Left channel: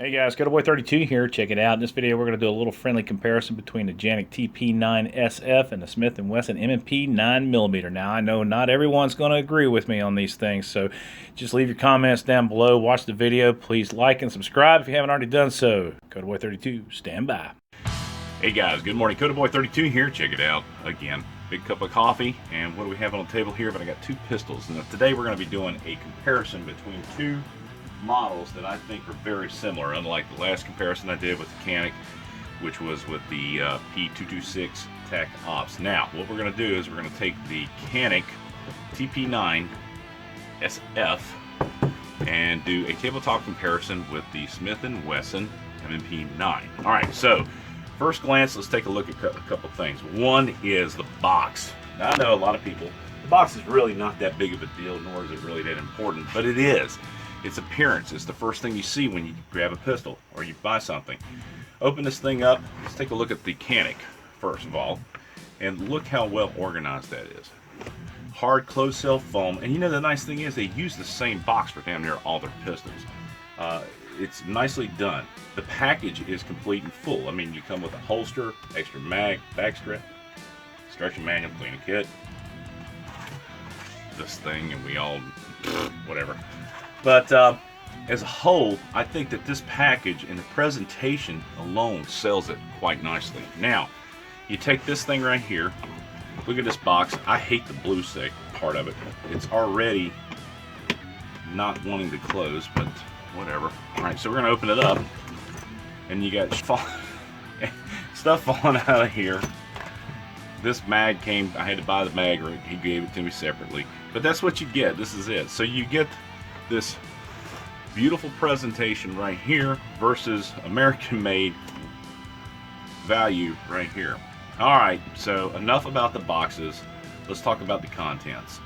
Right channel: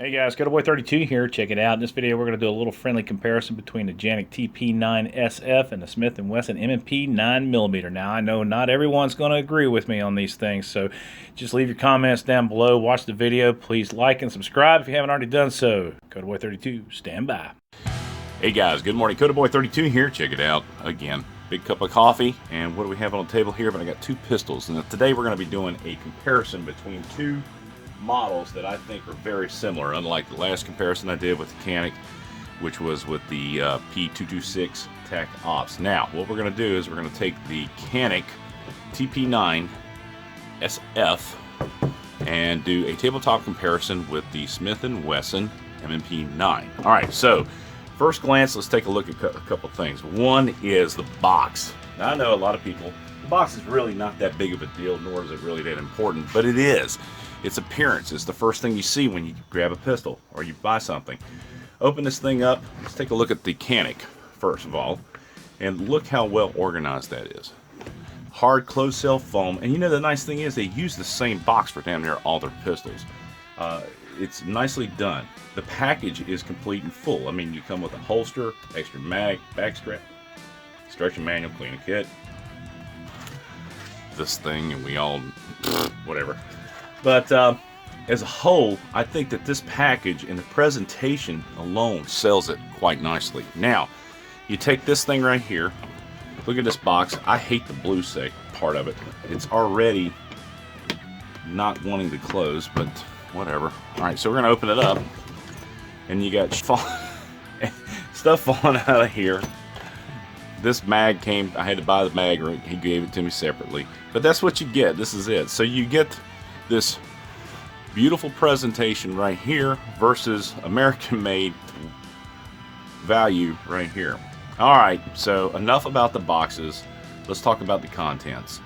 Hey guys, Boy32 here. Check it out. In this video, we're going to do a little friendly comparison between the Canik TP9SF and the Smith & Wesson M&P 9mm. Now, I know not everyone's going to agree with me on these things, so just leave your comments down below. Watch the video. Please like and subscribe if you haven't already done so. Boy32, stand by. Hey guys, good morning. Boy32 here. Check it out again. Big cup of coffee, and what do we have on the table here? But I got two pistols, and today we're going to be doing a comparison between two models that I think are very similar, unlike the last comparison I did with the Canik, which was with the P226 TAC Ops. Now, what we're going to do is we're going to take the Canik TP9SF and do a tabletop comparison with the Smith & Wesson M&P 9. All right, so first glance, let's take a look at a couple things. One is the box. Now, I know a lot of people, the box is really not that big of a deal, nor is it really that important, but it is. Its appearance is the first thing you see when you grab a pistol or you buy something. Open this thing up. Let's take a look at the Canik first of all, and look how well organized that is. Hard closed cell foam, and you know the nice thing is they use the same box for damn near all their pistols. It's nicely done. The package is complete and full. I mean, you come with a holster, extra mag, back strap, instruction manual, cleaning kit, this thing, and we all whatever. But as a whole, I think that this package and the presentation alone sells it quite nicely. Now, you take this thing right here. Look at this box. I hate the blue part of it. It's already not wanting to close, but whatever. All right, so we're going to open it up. And you got stuff falling out of here. This mag came, I had to buy the mag, or he gave it to me separately. But that's what you get. This is it. So you get this beautiful presentation right here versus American made value right here. Alright, so enough about the boxes. Let's talk about the contents.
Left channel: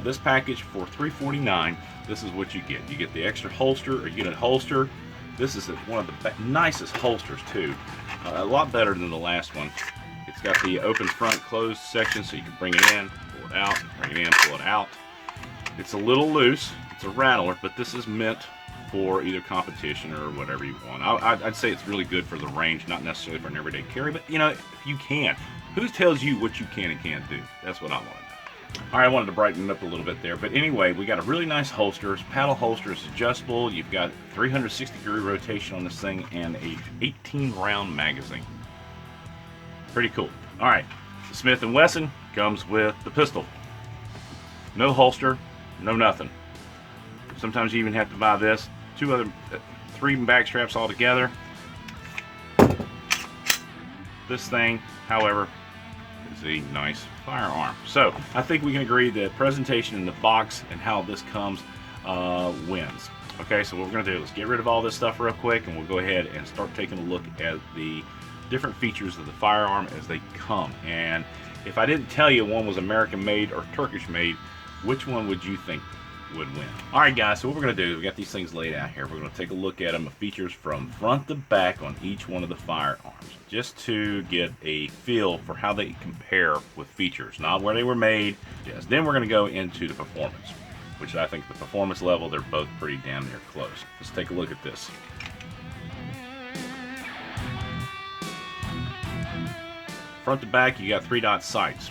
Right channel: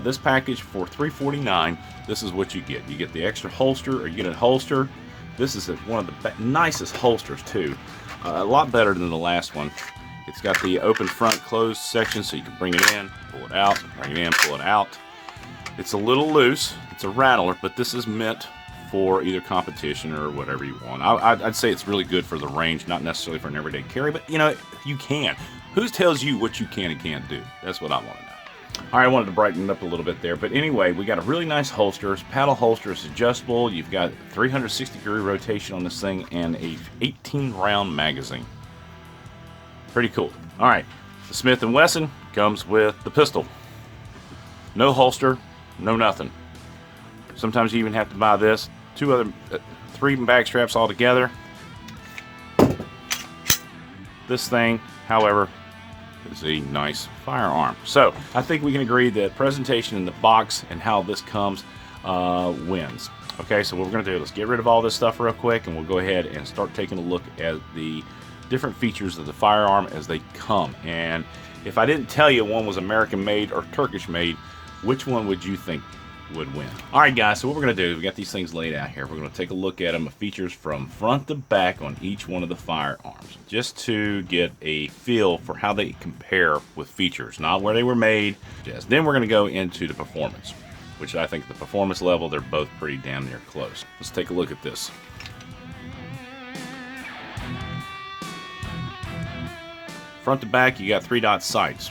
This package for $349, this is what you get. You get the extra holster, or you get a holster. This is one of the nicest holsters too. A lot better than the last one. It's got the open front closed section so you can bring it in, pull it out, bring it in, pull it out. It's a little loose. It's a rattler, but this is meant for either competition or whatever you want. I'd say it's really good for the range, not necessarily for an everyday carry, but you know, if you can. Who tells you what you can and can't do? That's what I want to know. All right, I wanted to brighten it up a little bit there, but anyway, we got a really nice holster. Paddle holster is adjustable. You've got 360-degree rotation on this thing and a 18-round magazine. Pretty cool. All right, the Smith & Wesson comes with the pistol. No holster, no nothing. Sometimes you even have to buy this. Three bag straps all together. This thing, however, is a nice firearm. So I think we can agree that presentation in the box and how this comes wins. Okay, so what we're going to do, let's get rid of all this stuff real quick, and we'll go ahead and start taking a look at the different features of the firearm as they come. And if I didn't tell you one was American made or Turkish made, which one would you think would win? Alright guys, so what we're going to do is we got these things laid out here. We're going to take a look at them, the features from front to back on each one of the firearms, just to get a feel for how they compare with features, not where they were made. Yes, then we're going to go into the performance, which I think the performance level, they're both pretty damn near close. Let's take a look at this. Front to back, you got 3-dot sights.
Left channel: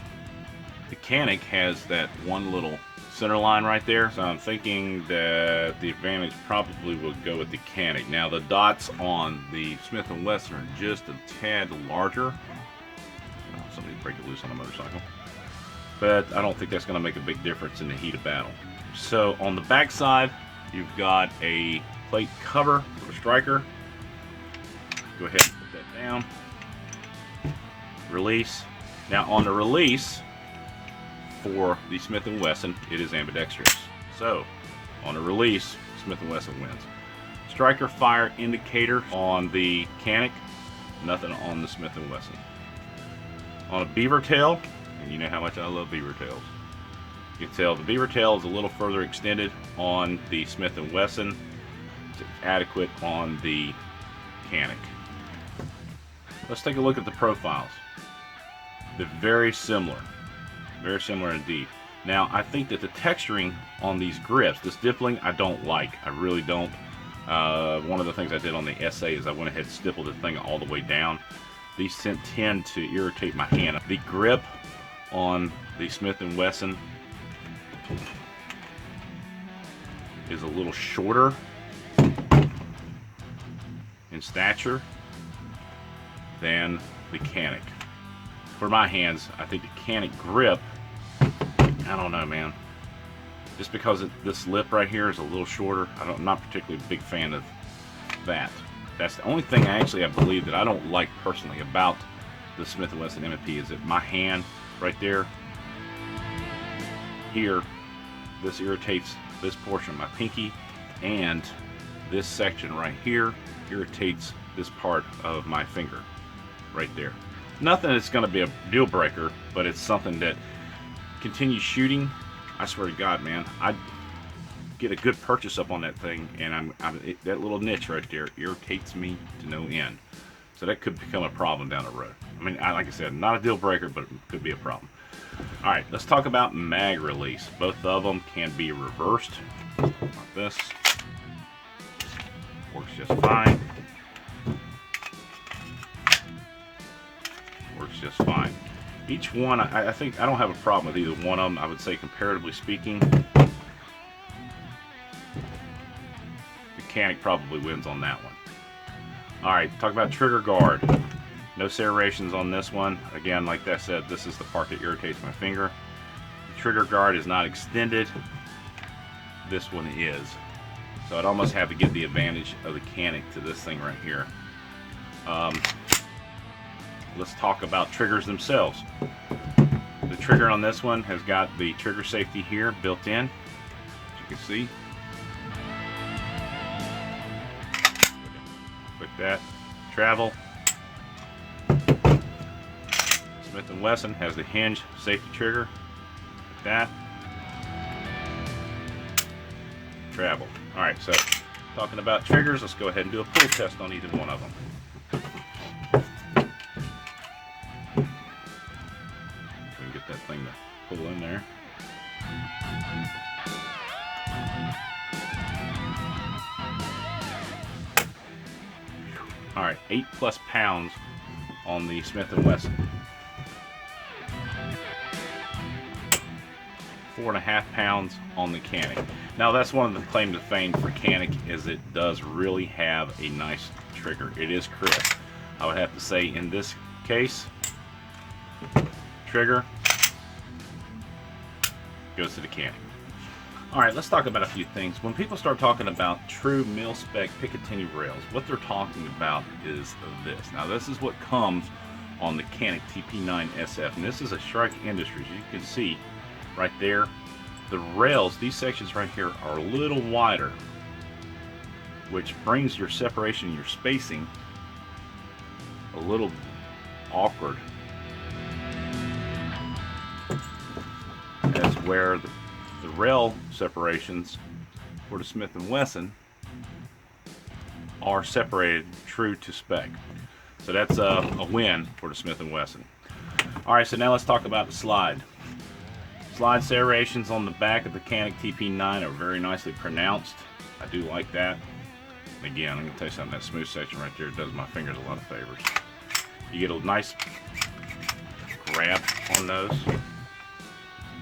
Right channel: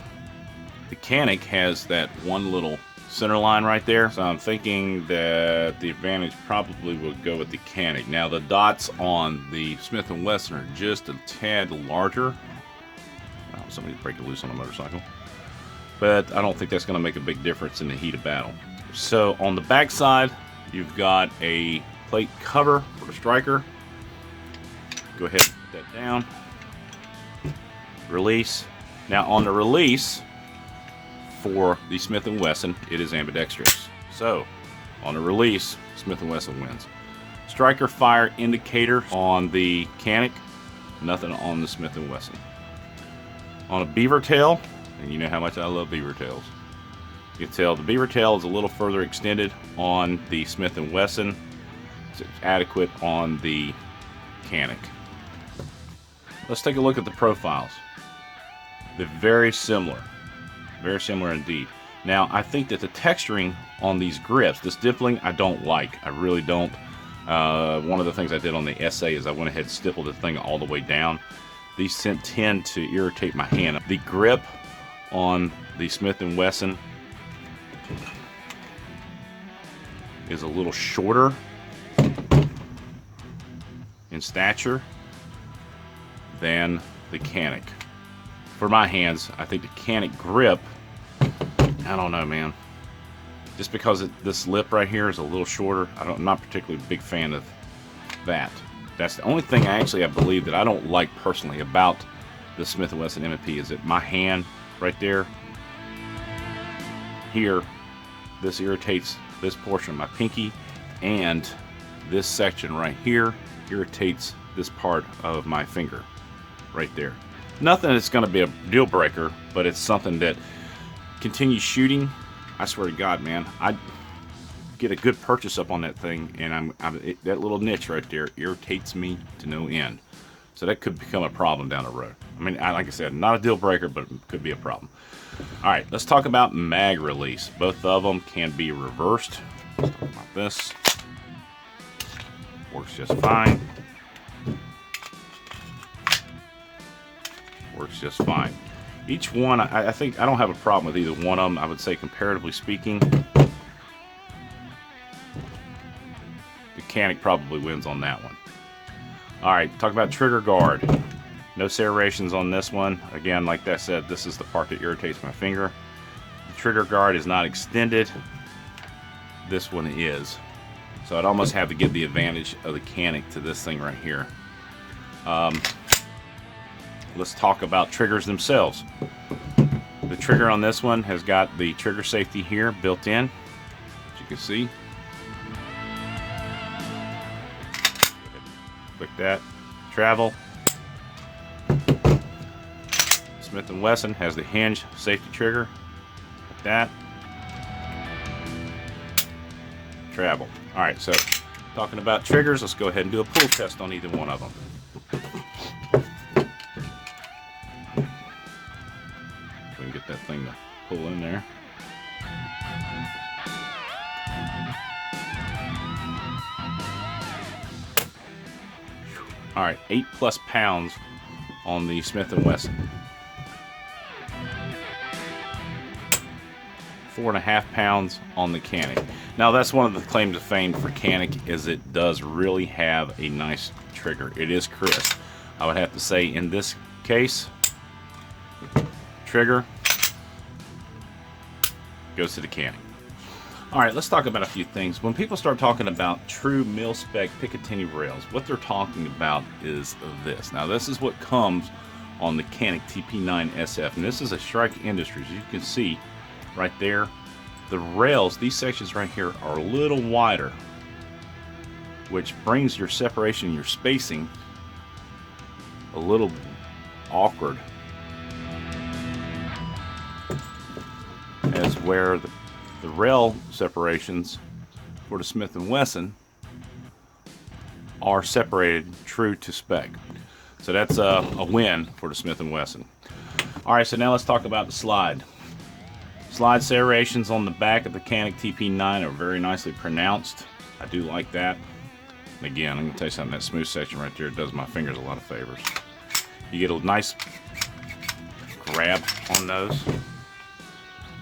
The Canik has that one little center line right there, so I'm thinking that the advantage probably will go with the Canik. Now the dots on the Smith & Wesson are just a tad larger. Oh, somebody break it loose on a motorcycle. But I don't think that's going to make a big difference in the heat of battle. So on the back side, you've got a plate cover for the striker. Go ahead and put that down. Release. Now on the release for the Smith & Wesson, it is ambidextrous. So on the release, Smith & Wesson wins. Striker fire indicator on the Canik, nothing on the Smith & Wesson. On a beaver tail, and you know how much I love beaver tails, you can tell the beaver tail is a little further extended on the Smith & Wesson. It's adequate on the Canik. Let's take a look at the profiles. They're very similar indeed. Now I think that the texturing on these grips, this dippling, I don't like. I really don't. One of the things I did on the SA is I went ahead and stippled the thing all the way down. These tend to irritate my hand. The grip on the Smith & Wesson is a little shorter in stature than the Canik. For my hands, I think the Canik grip, I don't know, man. Just because this lip right here is a little shorter, I'm not particularly a big fan of that. That's the only thing I believe that I don't like personally about the Smith & Wesson M&P is that my hand right there, here, this irritates this portion of my pinky, and this section right here irritates this part of my finger right there. Nothing that's going to be a deal breaker, but it's something that continues shooting. I swear to God, man, I get a good purchase up on that thing, and that little niche right there irritates me to no end. So that could become a problem down the road. I mean, like I said, not a deal breaker, but it could be a problem. All right, let's talk about mag release. Both of them can be reversed like this. Works just fine. Works just fine. Each one, I think I don't have a problem with either one of them. I would say, comparatively speaking, the Canik probably wins on that one. All right, talk about trigger guard. No serrations on this one. Again, like I said, this is the part that irritates my finger. The trigger guard is not extended. This one is. So I'd almost have to give the advantage of the Canik to this thing right here. Let's talk about triggers themselves. The trigger on this one has got the trigger safety here built in, as you can see. Click that. Travel. Smith & Wesson has the hinge safety trigger, like that. Travel. All right, so talking about triggers, let's go ahead and do a pull test on either one of them. We can get that thing to pull in there. All right, 8+ pounds on the Smith & Wesson. 4.5 pounds on the Canik. Now that's one of the claims to fame for Canik, is it does really have a nice trigger. It is crisp. I would have to say in this case, trigger goes to the Canik. Alright, let's talk about a few things. When people start talking about true mil-spec Picatinny rails, what they're talking about is this. Now this is what comes on the Canik TP9SF, and this is a Strike Industries. You can see right there, the rails, these sections right here are a little wider, which brings your separation, your spacing, a little awkward. As where the rail separations for the Smith & Wesson are separated true to spec. So that's a win for the Smith & Wesson. Alright, so now let's talk about the slide. Slide serrations on the back of the Canik TP9 are very nicely pronounced. I do like that. And again, I'm going to tell you something, that smooth section right there does my fingers a lot of favors. You get a nice grab on those.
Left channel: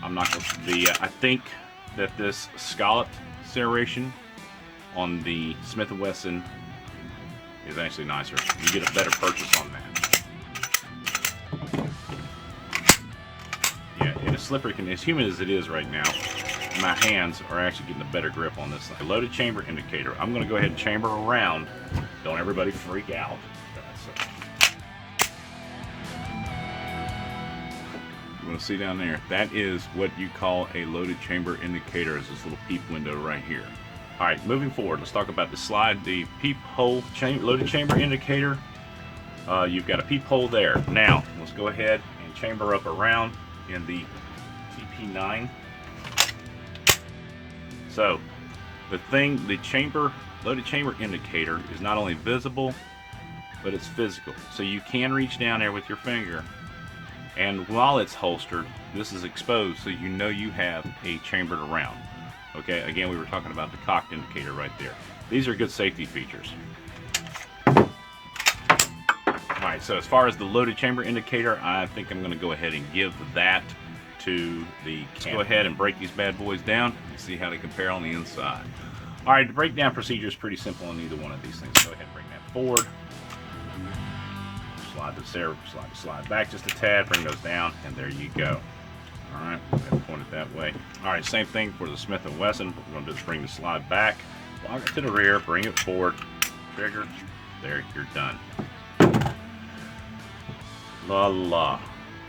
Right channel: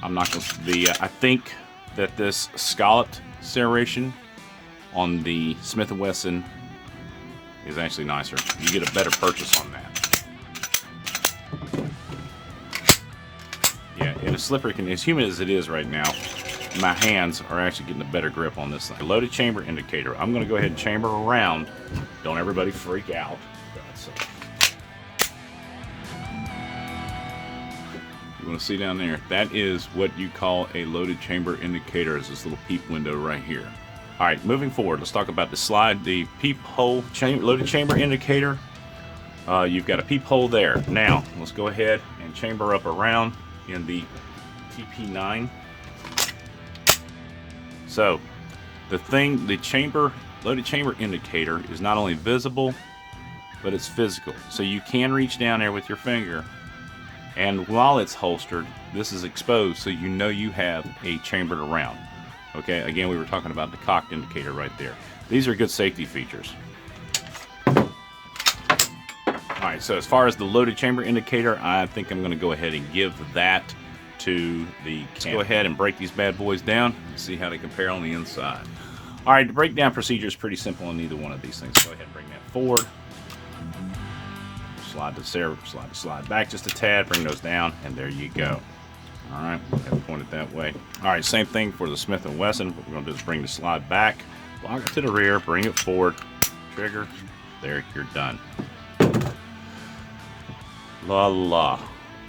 I'm not going to, I think that this scalloped serration on the Smith & Wesson is actually nicer. You get a better purchase on that. Yeah, in a slippery condition, as humid as it is right now, my hands are actually getting a better grip on this thing. Loaded chamber indicator. I'm going to go ahead and chamber around. Don't everybody freak out. You want to see down there? That is what you call a loaded chamber indicator. Is this little peep window right here. All right, moving forward, let's talk about the slide. The peephole loaded chamber indicator. You've got a peephole there. Now, let's go ahead and chamber up around in the TP9. So, the loaded chamber indicator is not only visible, but it's physical. So you can reach down there with your finger, and while it's holstered, this is exposed, so you know you have a chambered around. Okay, again, we were talking about the cocked indicator right there. These are good safety features. Alright, so as far as the loaded chamber indicator, I think I'm going to go ahead and give that to the Canik. Let's go ahead and break these bad boys down and see how they compare on the inside. Alright, the breakdown procedure is pretty simple on either one of these things. Go ahead and bring that forward. Slide this there, slide back just a tad, bring those down, and there you go. Alright, point it that way. Alright, same thing for the Smith & Wesson. What we're going to do is bring the slide back, lock it to the rear, bring it forward, trigger, there, you're done. La la.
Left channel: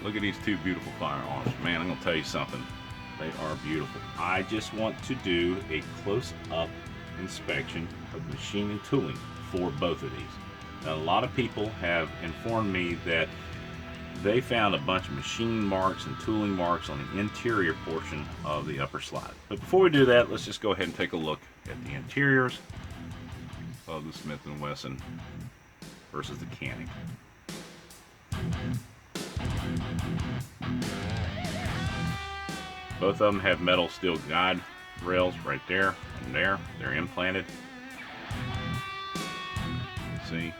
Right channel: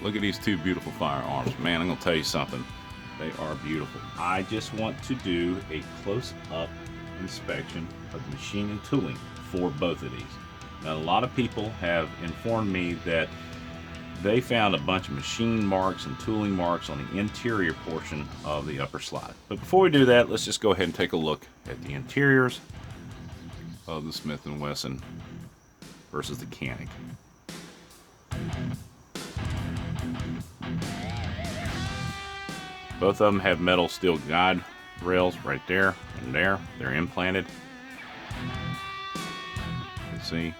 Look at these two beautiful firearms. Man, I'm going to tell you something. They are beautiful. I just want to do a close-up inspection of the machine and tooling for both of these. Now, a lot of people have informed me that they found a bunch of machine marks and tooling marks on the interior portion of the upper slide. But before we do that, let's just go ahead and take a look at the interiors of the Smith & Wesson versus the Canik. Both of them have metal steel guide rails right there and there. They're implanted. Let's see.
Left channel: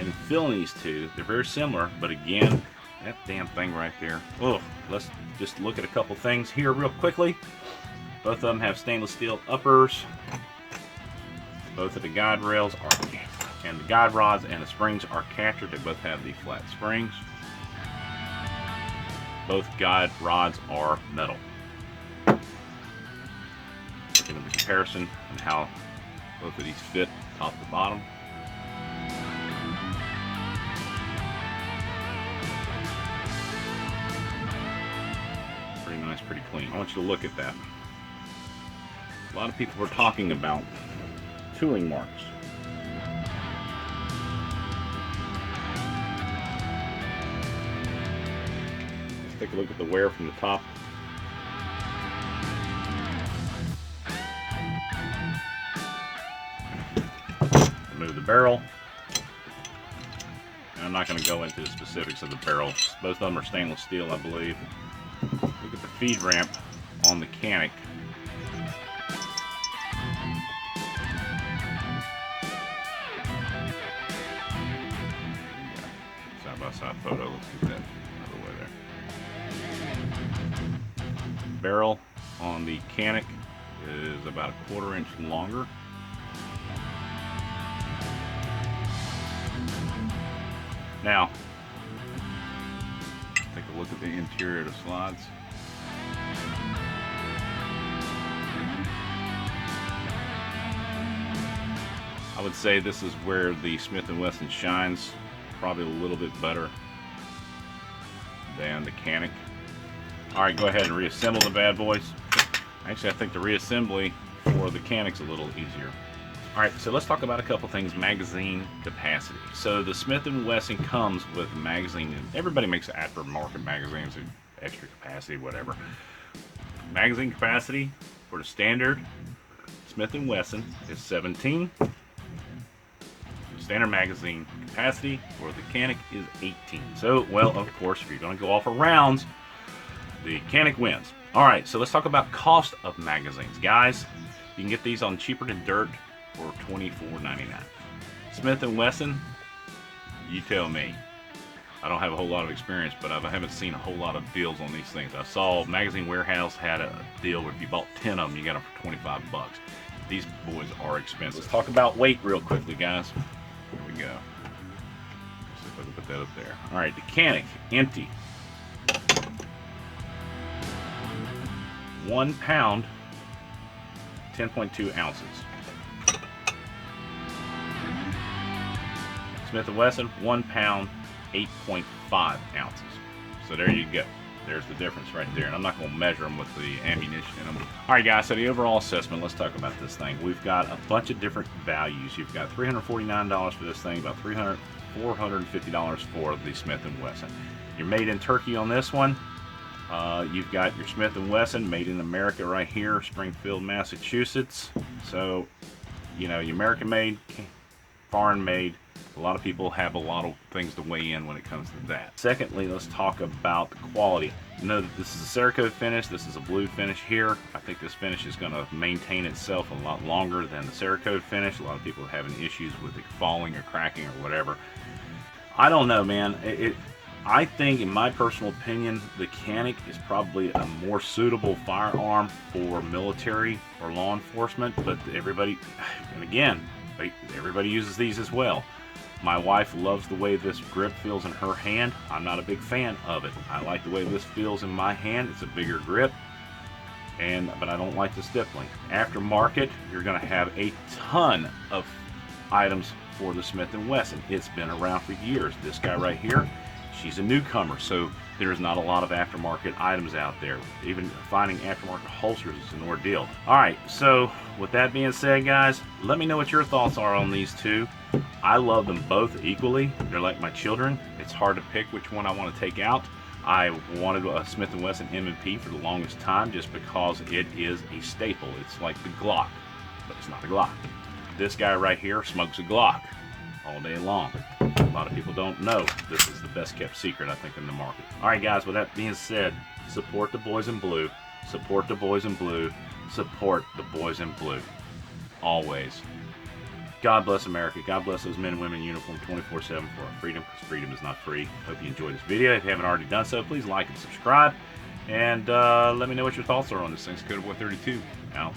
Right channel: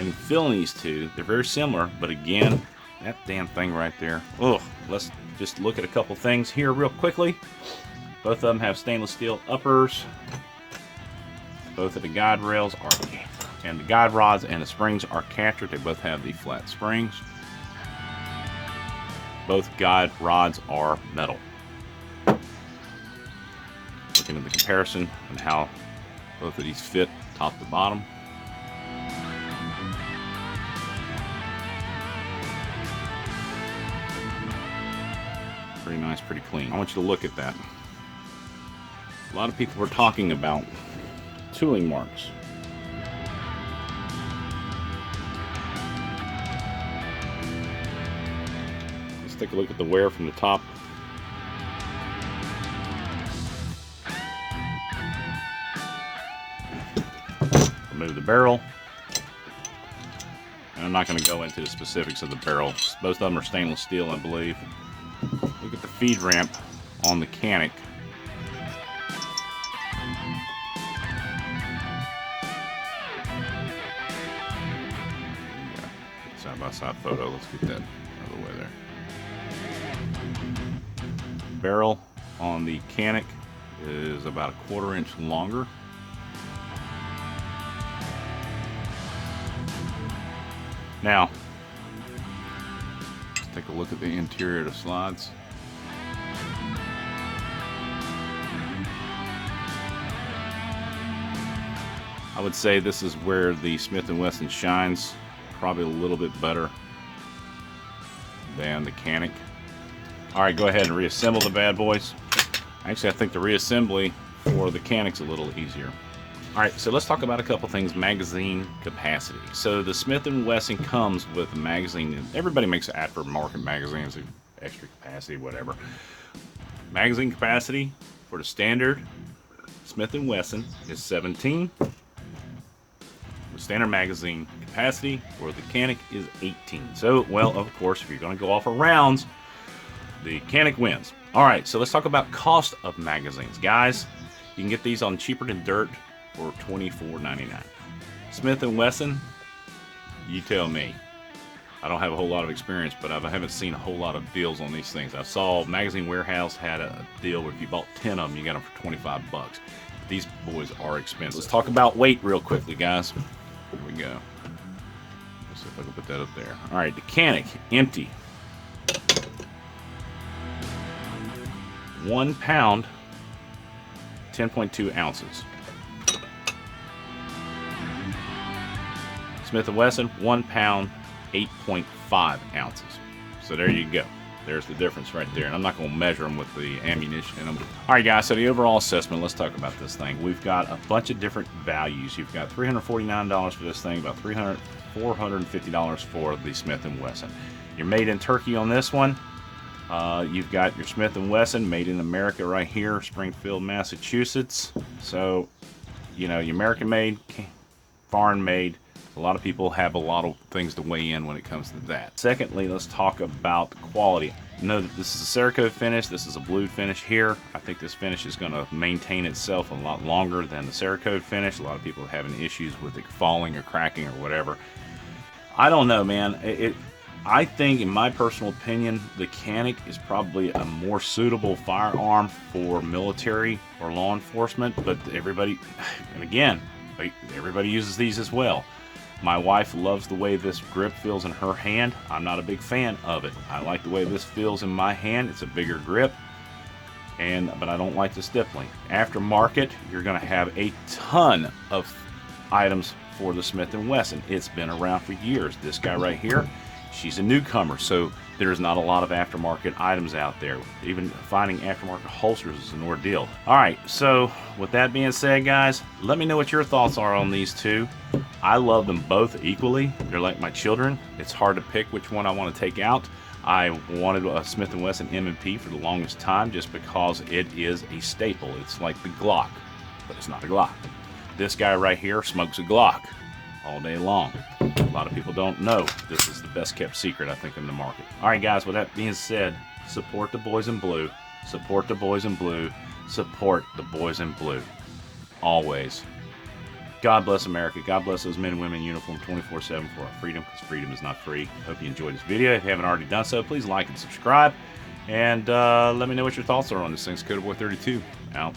And feeling these two, they're very similar, but again, that damn thing right there. Ugh. Let's just look at a couple things here real quickly. Both of them have stainless steel uppers. Both of the guide rails are, and the guide rods and the springs are captured. They both have the flat springs. Both guide rods are metal. Looking at the comparison and how both of these fit top to bottom. Pretty nice, pretty clean. I want you to look at that. A lot of people were talking about tooling marks. Let's take a look at the wear from the top. Remove the barrel. And I'm not going to go into the specifics of the barrel. Both of them are stainless steel, I believe. Look at the feed ramp on the Canik. Side by side photo. Let's get that out of the way there. Barrel on the Canik is about a 1/4 inch longer. Now, take a look at the interior of the slides. I would say this is where the Smith & Wesson shines, probably a little bit better than the Canik. Alright, go ahead and reassemble the bad boys. Actually, I think the reassembly for the Canik's a little easier. Alright, so let's talk about a couple things. Magazine capacity. So the Smith & Wesson comes with a magazine. Everybody makes aftermarket magazines, extra capacity, whatever. Magazine capacity for the standard Smith & Wesson is 17. The standard magazine capacity for the Canik is 18. So, well, of course, if you're going to go off of rounds, the Canik wins. Alright, so let's talk about cost of magazines. Guys, you can get these on Cheaper Than Dirt for $24.99. Smith & Wesson, you tell me. I don't have a whole lot of experience, but I haven't seen a whole lot of deals on these things. I saw Magazine Warehouse had a deal where if you bought 10 of them, you got them for 25 bucks. These boys are expensive. Let's talk about weight real quickly, guys. Here we go. Let's see if I can put that up there. All right, the Canik, empty. 1 pound, 10.2 ounces. Smith & Wesson, 1 pound, 8.5 ounces. So there you go. There's the difference right there. And I'm not going to measure them with the ammunition in them. All right, guys, so the overall assessment, let's talk about this thing. We've got a bunch of different values. You've got $349 for this thing, about $450 for the Smith & Wesson. You're made in Turkey on this one. You've got your Smith & Wesson made in America right here, Springfield, Massachusetts. So, you know, your American made foreign made. A lot of people have a lot of things to weigh in when it comes to that. Secondly, let's talk about the quality. Know that this is a Cerakote finish. This is a blue finish here. I think this finish is going to maintain itself a lot longer than the Cerakote finish. A lot of people are having issues with it falling or cracking or whatever. I don't know, man. I think, in my personal opinion, the Canik is probably a more suitable firearm for military or law enforcement, but everybody, and again, everybody uses these as well. My wife loves the way this grip feels in her hand. I'm not a big fan of it. I like the way this feels in my hand. It's a bigger grip, but I don't like the stippling. Aftermarket, you're going to have a ton of items for the Smith & Wesson. It's been around for years. This guy right here, she's a newcomer, so there's not a lot of aftermarket items out there. Even finding aftermarket holsters is an ordeal. All right, so with that being said, guys, let me know what your thoughts are on these two. I love them both equally. They're like my children. It's hard to pick which one I want to take out. I wanted a Smith & Wesson M&P for the longest time just because it is a staple. It's like the Glock, but it's not a Glock. This guy right here smokes a Glock all day long. A lot of people don't know this is the best kept secret, I think, in the market. All right, guys, with that being said, support the boys in blue. Support the boys in blue. Support the boys in blue. Always. God bless America. God bless those men and women in uniform 24/7 for our freedom, because freedom is not free. Hope you enjoyed this video. If you haven't already done so, please like and subscribe. And let me know what your thoughts are on these things. CodaBoy32 out.